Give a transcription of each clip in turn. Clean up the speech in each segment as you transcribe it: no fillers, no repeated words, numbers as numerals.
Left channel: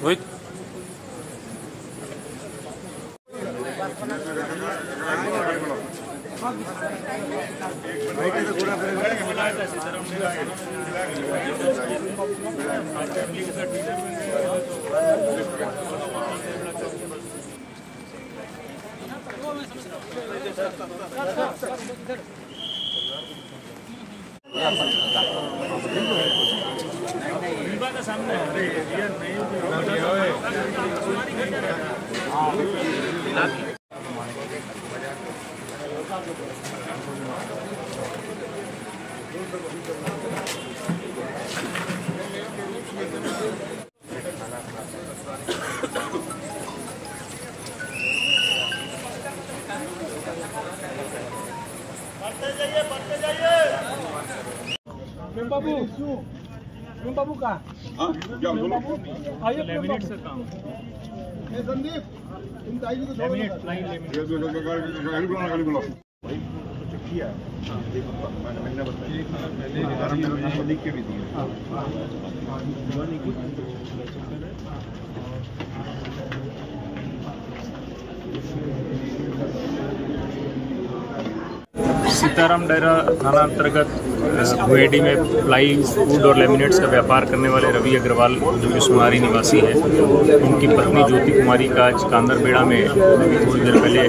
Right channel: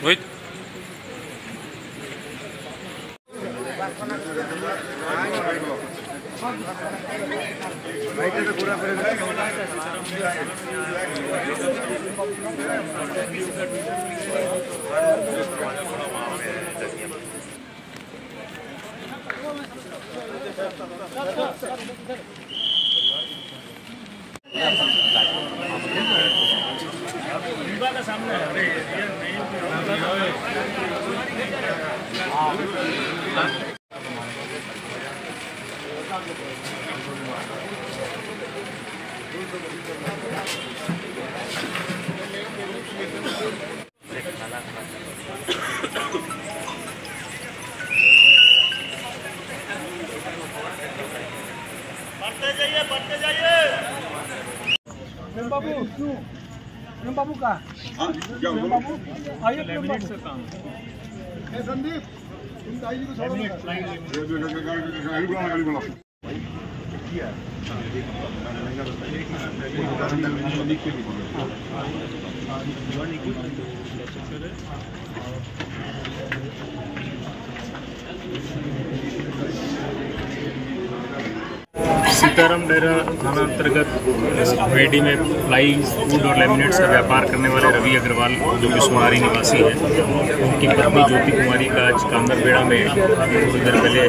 Wait. बाबू का आइए से काम संदीप सीताराम डेरा थाना अंतर्गत भुएडी में प्लाई वुड और लेमिनेट्स का व्यापार करने वाले रवि अग्रवाल, जो कि सोनारी निवासी है, उनकी पत्नी ज्योति कुमारी का आज कांदरबेड़ा में अभी थोड़ी देर पहले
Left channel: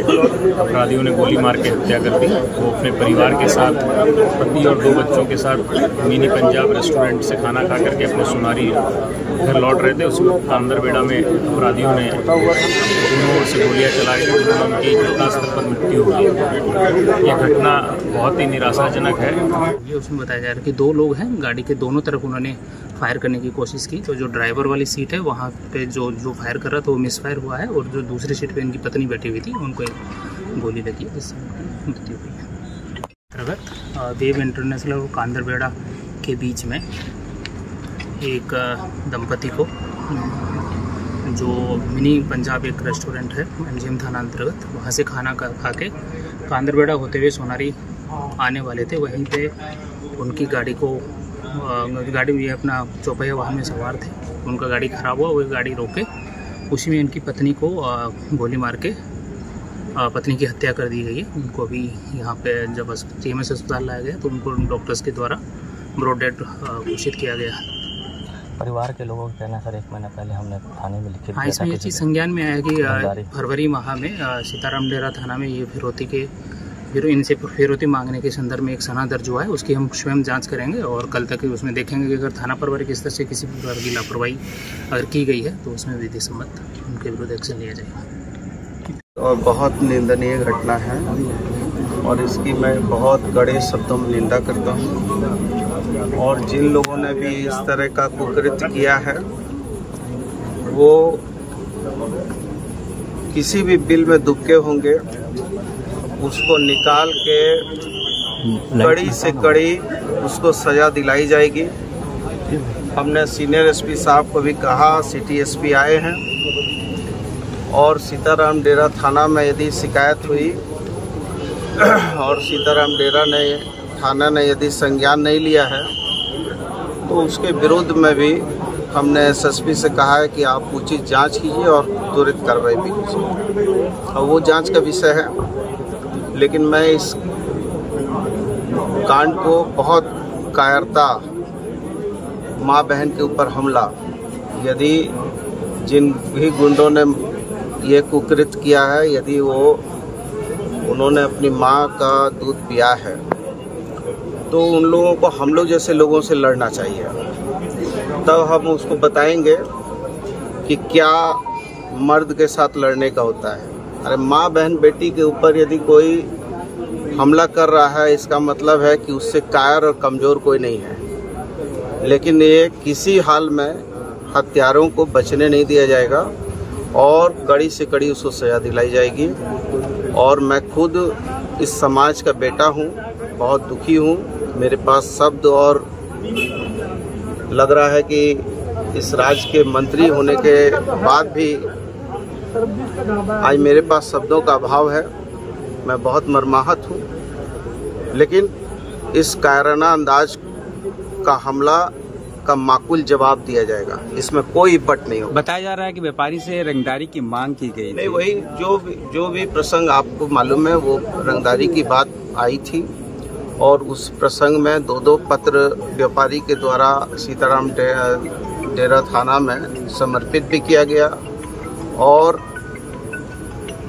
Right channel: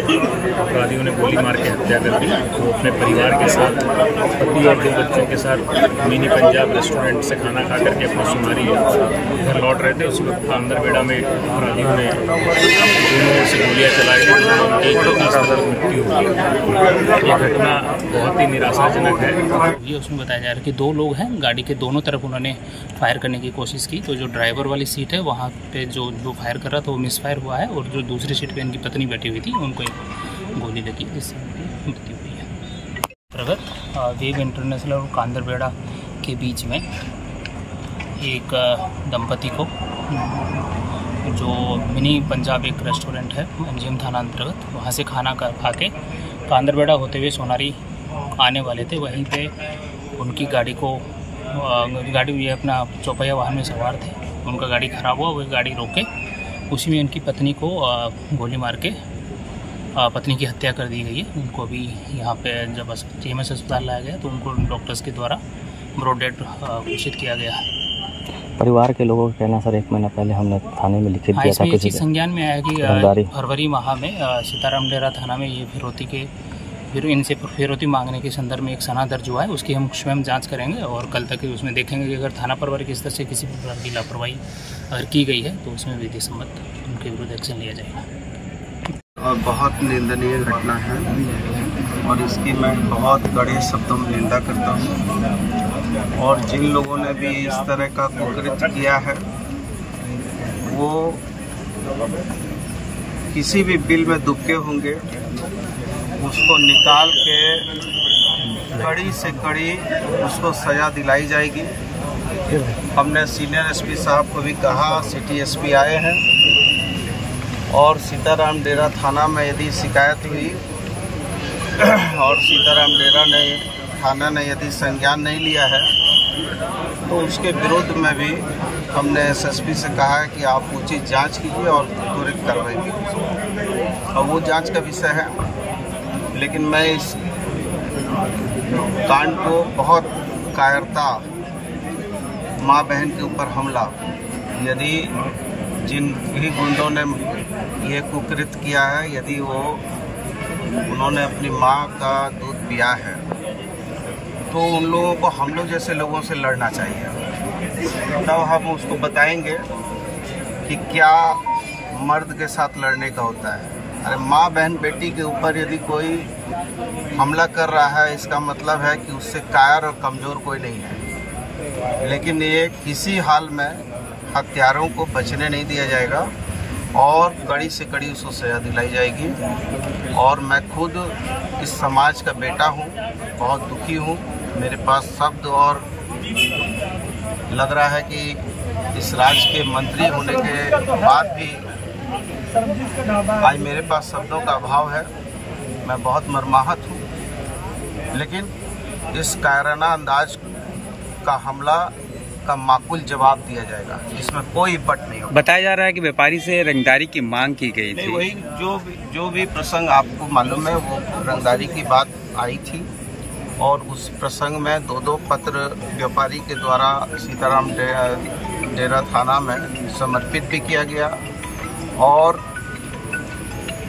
अपराधियों ने गोली मार के हत्या कर दी। वो अपने परिवार के साथ, पति और 2 बच्चों के साथ मिनी पंजाब रेस्टोरेंट से खाना खा करके अपने सोनारी घर लौट रहे थे। उस वक्त कांदरबेड़ा में अपराधियों ने दोनों ओर से गोलियां चलाई, उनकी घटनास्थल पर मृत्यु हो गई। ये घटना बहुत ही निराशाजनक है। ये उसमें बताया जा रहा है कि 2 लोग हैं, गाड़ी के दोनों तरफ उन्होंने फायर करने की कोशिश की, तो जो ड्राइवर वाली सीट है वहाँ पे जो फायर कर रहा था वो मिसफायर हुआ है, और जो दूसरी सीट पे इनकी पत्नी बैठी हुई थी उनको एक गोली लगी जिससे उनकी मृत्यु हुई है। अंतर्गत वेव इंटरनेशनल और कांदरबेड़ा के बीच में एक दंपति को, जो मिनी पंजाब एक रेस्टोरेंट है एमजीएम थाना अंतर्गत, वहाँ से खाना खा के कांदरबेड़ा होते हुए सोनारी आने वाले थे। वहीं पे उनकी गाड़ी ये अपना चौपहिया वाहन में सवार थे, उनका गाड़ी ख़राब हुआ, वो गाड़ी रोके, उसी में इनकी पत्नी को गोली मार के पत्नी की हत्या कर दी गई है। उनको अभी यहाँ पे जब TMS अस्पताल लाया गया तो उनको डॉक्टर्स के द्वारा ब्रॉड डेड घोषित किया गया। परिवार के लोगों का कहना सर 1 महीना पहले हमने थाने में लिखित दिया था। इसमें ये चीज़ संज्ञान में आया कि फरवरी माह में सीताराम डेरा थाना में ये इनसे फिरौती मांगने के संदर्भ में एक सना दर्ज हुआ है। उसकी हम स्वयं जांच करेंगे और कल तक उसमें देखेंगे कि अगर थाना प्रभारी की स्तर से किसी प्रकार की लापरवाही अगर की गई है तो उसमें विधि सम्मत उनके विरुद्ध एक्शन लिया जाएगा। और बहुत निंदनीय घटना है और इसकी मैं बहुत कड़े शब्दों में निंदा करता हूँ। और जिन लोगों ने भी इस तरह का कुकृत्य किया है वो किसी भी बिल में दुबके होंगे, उसको निकाल के कड़ी से कड़ी उसको सजा दिलाई जाएगी। हमने सीनियर SP साहब को भी कहा, सिटी SP आए हैं और सीताराम डेरा थाना में यदि शिकायत हुई और सीताराम डेरा थाना ने यदि संज्ञान नहीं लिया है तो उसके विरुद्ध में भी हमने SSP से कहा है कि आप उचित जांच कीजिए और त्वरित कार्रवाई भी कीजिए, और वो जांच का विषय है। लेकिन मैं इस कांड को बहुत कायरता, माँ बहन के ऊपर हमला, यदि जिन भी गुंडों ने ये कुकृत किया है, यदि उन्होंने अपनी माँ का दूध पिया है तो उन लोगों को हम लोग जैसे लोगों से लड़ना चाहिए। तब हम उसको बताएंगे कि क्या मर्द के साथ लड़ने का होता है। अरे माँ बहन बेटी के ऊपर यदि कोई हमला कर रहा है, इसका मतलब है कि उससे कायर और कमज़ोर कोई नहीं है। लेकिन ये किसी हाल में हत्यारों को बचने नहीं दिया जाएगा और कड़ी से कड़ी उसको सजा दिलाई जाएगी। और मैं खुद इस समाज का बेटा हूँ, बहुत दुखी हूँ। मेरे पास शब्द और लग रहा है कि इस राज्य के मंत्री होने के बाद भी आज मेरे पास शब्दों का अभाव है। मैं बहुत मर्माहत हूँ, लेकिन इस कायराना अंदाज का हमला का माकूल जवाब दिया जाएगा, इसमें कोई बट नहीं होगा। बताया जा रहा है कि व्यापारी से रंगदारी की मांग की गई थी। वही जो भी प्रसंग आपको मालूम है, वो रंगदारी की बात आई थी और उस प्रसंग में दो पत्र व्यापारी के द्वारा सीताराम डेरा थाना में समर्पित भी किया गया और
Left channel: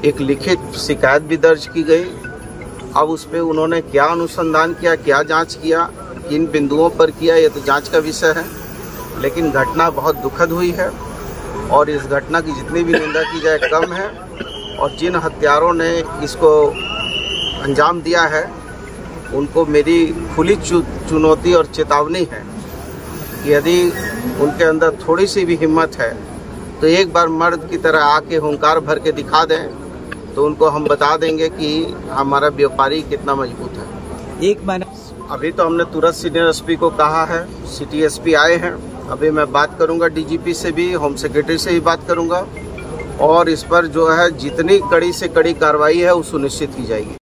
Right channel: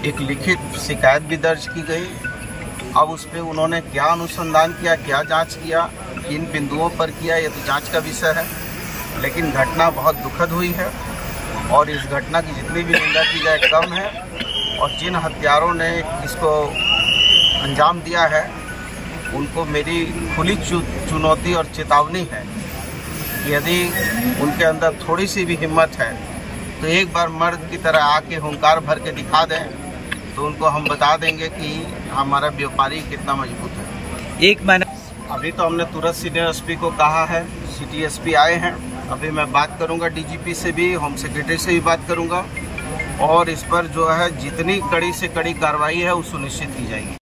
एक लिखित शिकायत भी दर्ज की गई। अब उस पर उन्होंने क्या अनुसंधान किया, क्या जांच किया, किन बिंदुओं पर किया, ये तो जांच का विषय है। लेकिन घटना बहुत दुखद हुई है और इस घटना की जितनी भी निंदा की जाए कम है। और जिन हत्यारों ने इसको अंजाम दिया है, उनको मेरी खुली चुनौती और चेतावनी है कि यदि उनके अंदर थोड़ी सी भी हिम्मत है तो एक बार मर्द की तरह आके हुंकार भर के दिखा दें, तो उनको हम बता देंगे कि हमारा व्यापारी कितना मजबूत है। एक महीना अभी तो हमने तुरंत सीनियर एसपी को कहा है, सिटी एसपी आए हैं। अभी मैं बात करूंगा डीजीपी से भी, होम सेक्रेटरी से भी बात करूंगा और इस पर जो है जितनी कड़ी से कड़ी कार्रवाई है वो सुनिश्चित की जाएगी।